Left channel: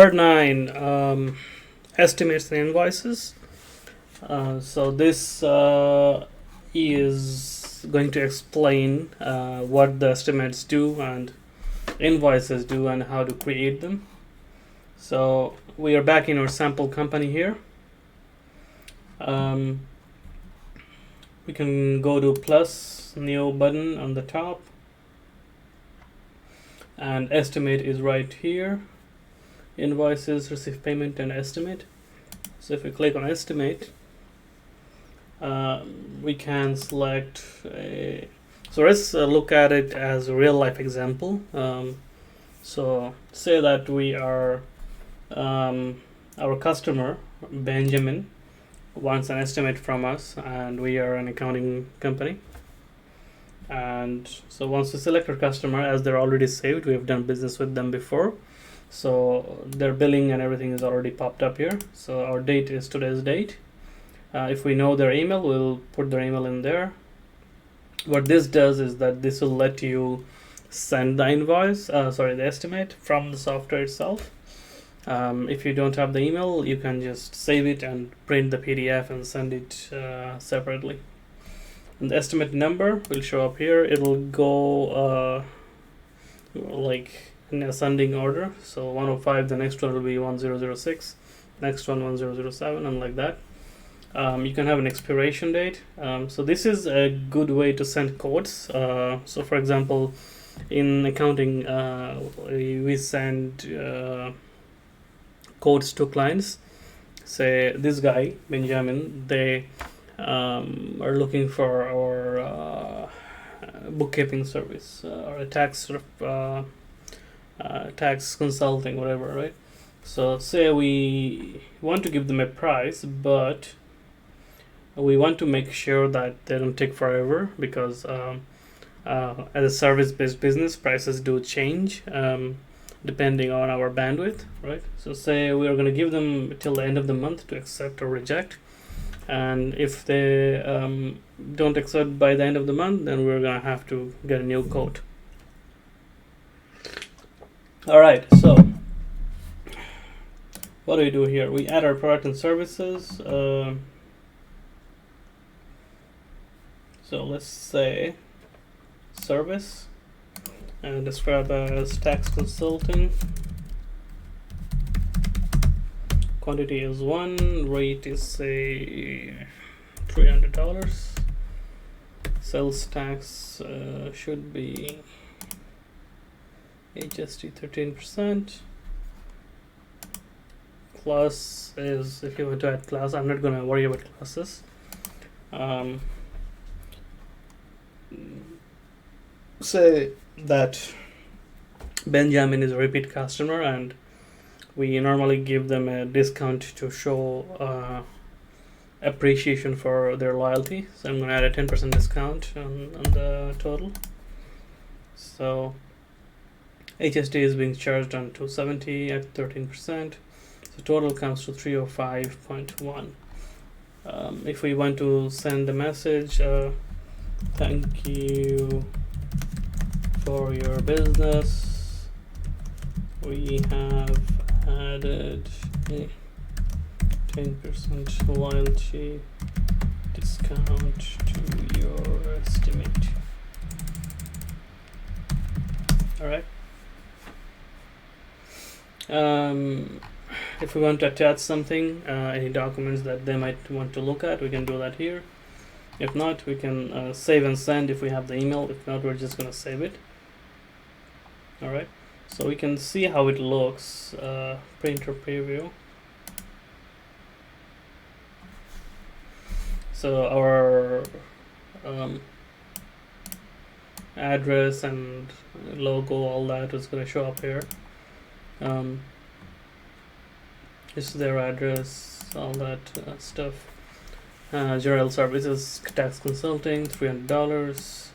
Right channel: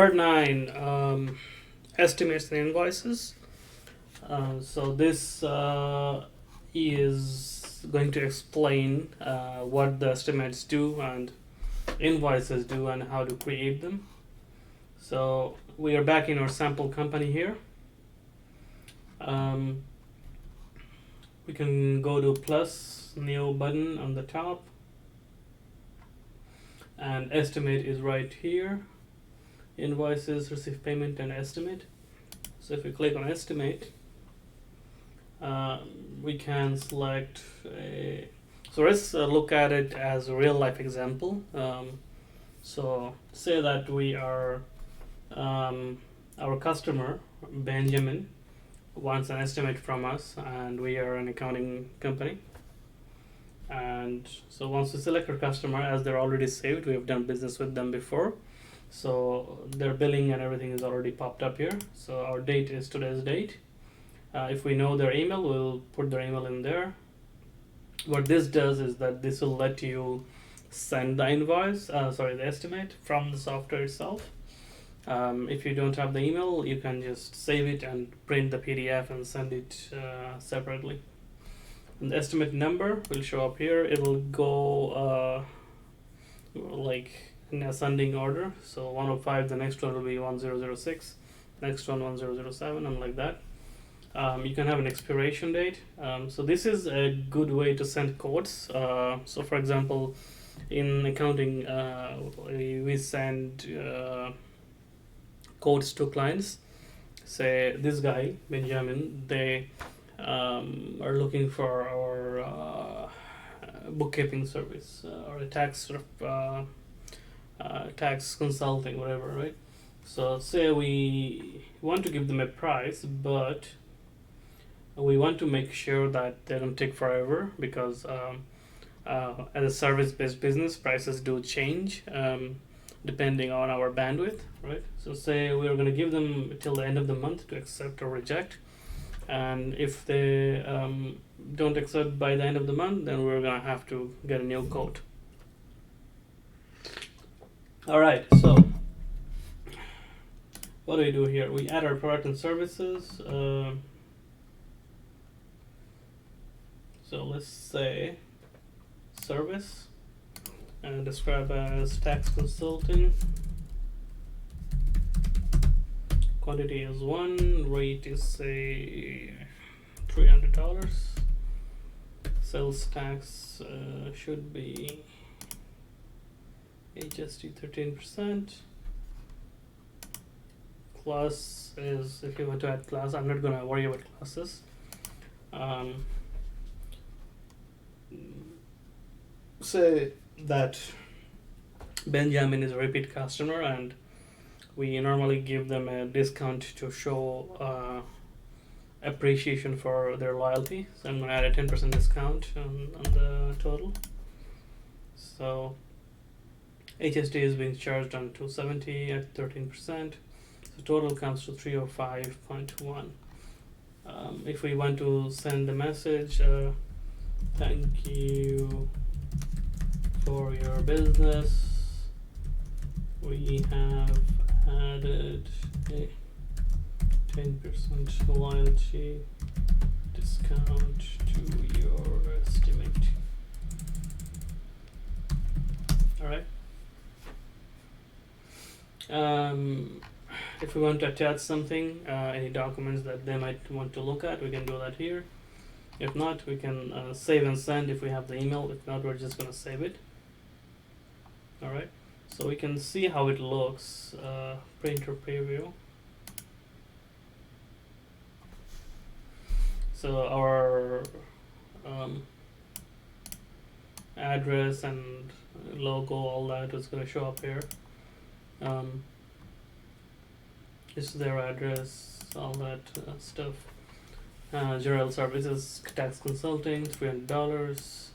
Part 9, estimates and invoices. So this is going to explain what the estimates do and invoices do and how to create them. So we are back in our sample company here. We can go to plus new button on the top, and estimate is right here. Invoices, receive payment, and estimate. So if we click on estimate, we can select a. So let's look at it as a real life example. So say that we are our customer Benjamin wants an estimate from us, and we are an accounting company. And so once we select our customer, as they're already saved, we have done business with them before, so their billing and everything is already popped up here. So our date is today's date. If we know their email, we'll put their email in there. What this does is that this will let you send the invoice, the estimate from the software itself. If you don't have the email, you can just save it and print the PDF and send it separately. And the estimate number will show up here. It'll go like in ascending order. So 105, the next one will be 1006, next one 1007, and like that. You can have an expiration date. So this is a good way to send codes. So for example, in accounting, we send codes to clients. Say this guy Benjamin, they are looking for our bookkeeping service or a tax tax consulting, whatever, right? So say we want to give them a price, but we want to make sure that they don't take forever, because as a service-based business, prices do change depending on our bandwidth, right? So say we are going to give them till the end of the month to accept or reject, and if they don't accept by the end of the month, then we're going to have to get a new quote. Alright, so what do we do here? We add our product and services. So let's say service, and describe as tax consulting. Quantity is 1, rate is say $300. Sales tax should be HST 13%. Class is, if you want to add class, I'm not gonna worry about classes. Say that Benjamin is a repeat customer, and we normally give them a discount to show appreciation for their loyalty. So I'm going to add a 10% discount on the total. So HST is being charged on 270 at 13%. So total comes to 305.1. If we want to send a message, thank you for your business, we have added a 10% loyalty discount to your estimate. Alright. If we want to attach something, any documents that they might want to look at, we can do that here. If not, we can save and send if we have the email. If not, we're just going to save it. Alright, so we can see how it looks. Printer preview. So our address and logo, all that is going to show up here. This is their address, all that stuff. General services, tax consulting, $300.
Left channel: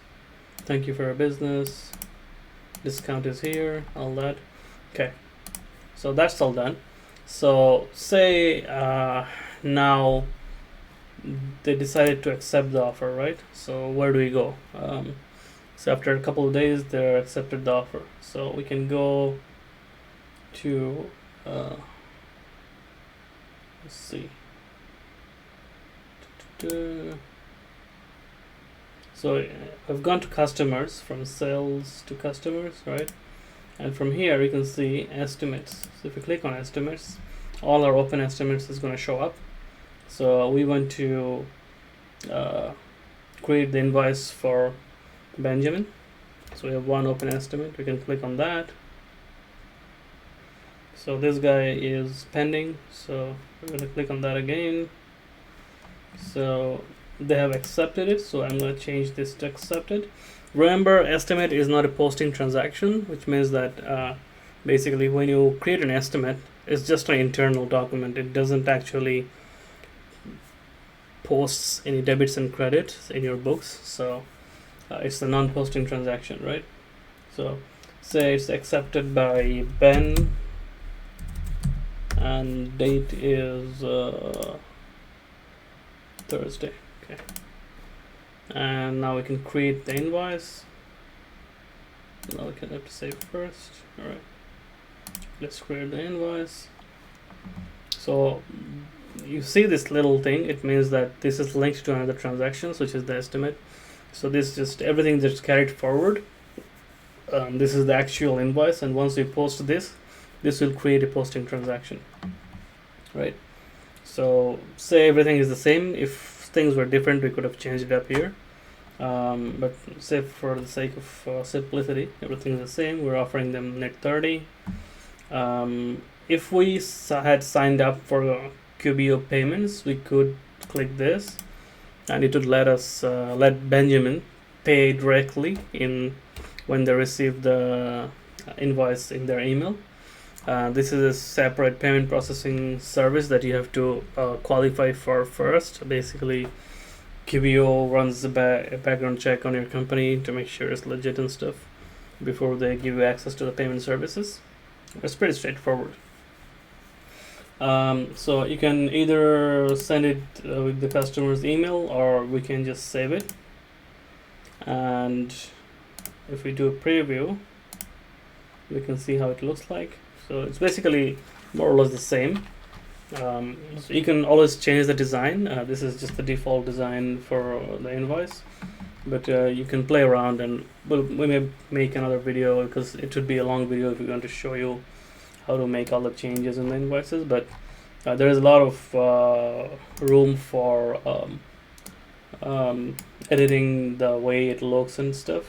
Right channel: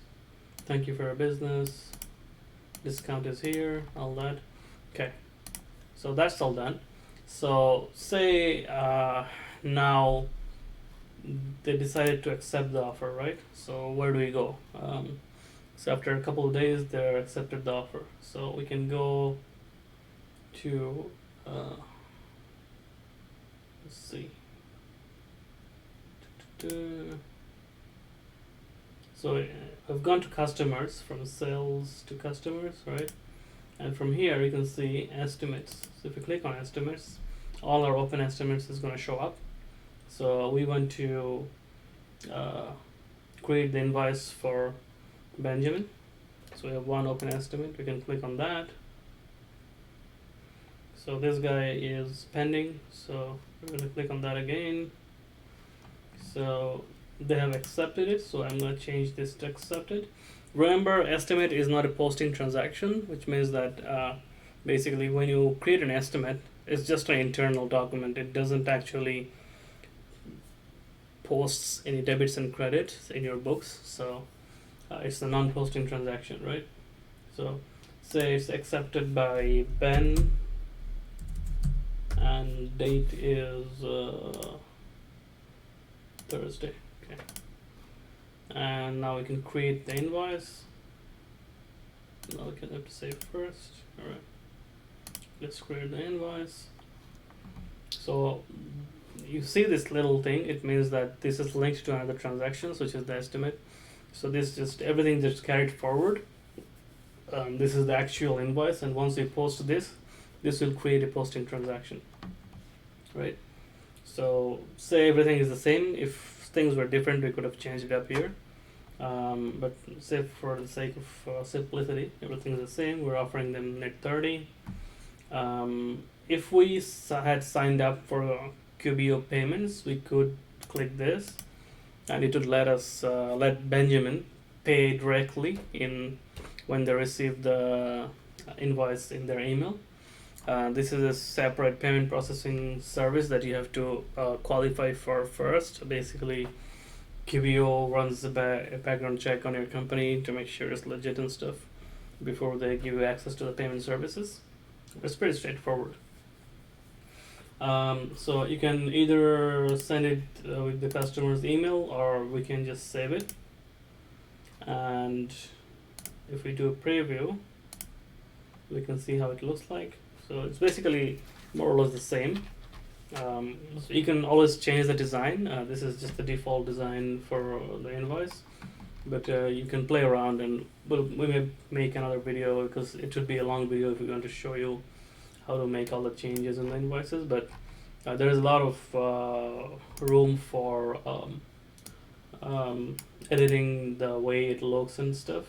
Thank you for your business. Discount is here, all that. Okay, so that's all done. So say now they decided to accept the offer, right? So where do we go? So after a couple of days, they accepted the offer. So we can go to let's see. So I've gone to customers, from sales to customers, right? And from here you can see estimates. So if you click on estimates, all our open estimates is going to show up. So we want to create the invoice for Benjamin. So we have one open estimate. We can click on that. So this guy is pending, so we're going to click on that again. So they have accepted it, so I'm going to change this to accepted. Remember, estimate is not a posting transaction, which means that basically when you create an estimate, it's just an internal document. It doesn't actually posts any debits and credits in your books, so it's a non-posting transaction, right? So say it's accepted by Ben, and date is Thursday. Okay, and now we can create the invoice. Now we can have to save first. All right, let's create the invoice. So you see this little thing, it means that this is linked to another transaction, which is the estimate. So this just everything just carried forward. This is the actual invoice, and once we post this will create a posting transaction, right? So say everything is the same. If things were different, we could have changed it up here, but say for the sake of simplicity, everything is the same. We're offering them net 30. If we had signed up for QBO payments, we could click this, and it would let us let Benjamin pay directly in when they receive the invoice in their email. This is a separate payment processing service that you have to qualify for first. Basically, QBO runs a background check on your company to make sure it's legit and stuff before they give you access to the payment services. It's pretty straightforward. So you can either send it with the customer's email, or we can just save it. And if we do a preview, we can see how it looks like. So it's basically more or less the same. So you can always change the design. This is just the default design for the invoice, but you can play around, and we may make another video, because it would be a long video if we're going to show you how to make all the changes in the invoices. But there is a lot of room for editing the way it looks and stuff.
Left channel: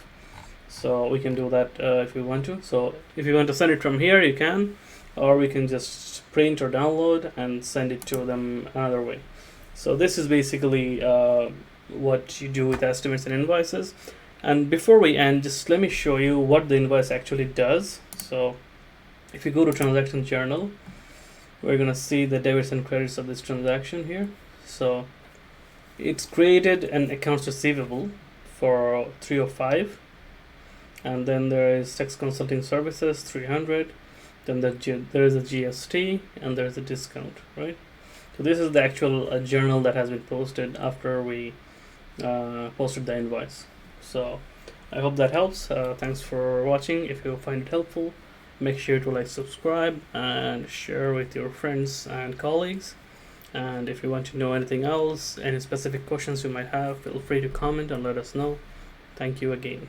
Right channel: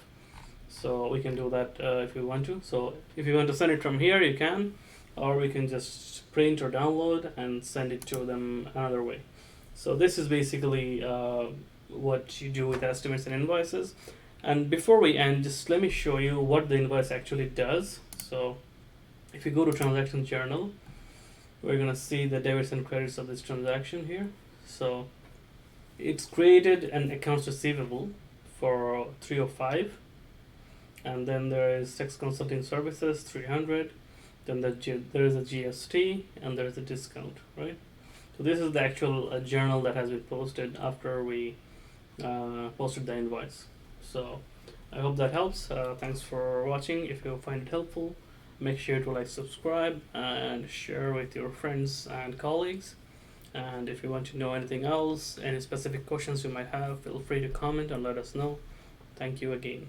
So we can do that if we want to. So if you want to send it from here, you can, or we can just print or download and send it to them another way. So this is basically what you do with estimates and invoices. And before we end, just let me show you what the invoice actually does. So if you go to transaction journal, we're going to see the debits and credits of this transaction here. So it's created an accounts receivable for 305, and then there is tax consulting services 300, then there is a GST, and there is a discount, right? So this is the actual journal that has been posted after we posted the invoice. So I hope that helps. Thanks for watching. If you find it helpful, make sure to like, subscribe, and share with your friends and colleagues. And if you want to know anything else, any specific questions you might have, feel free to comment and let us know. Thank you again.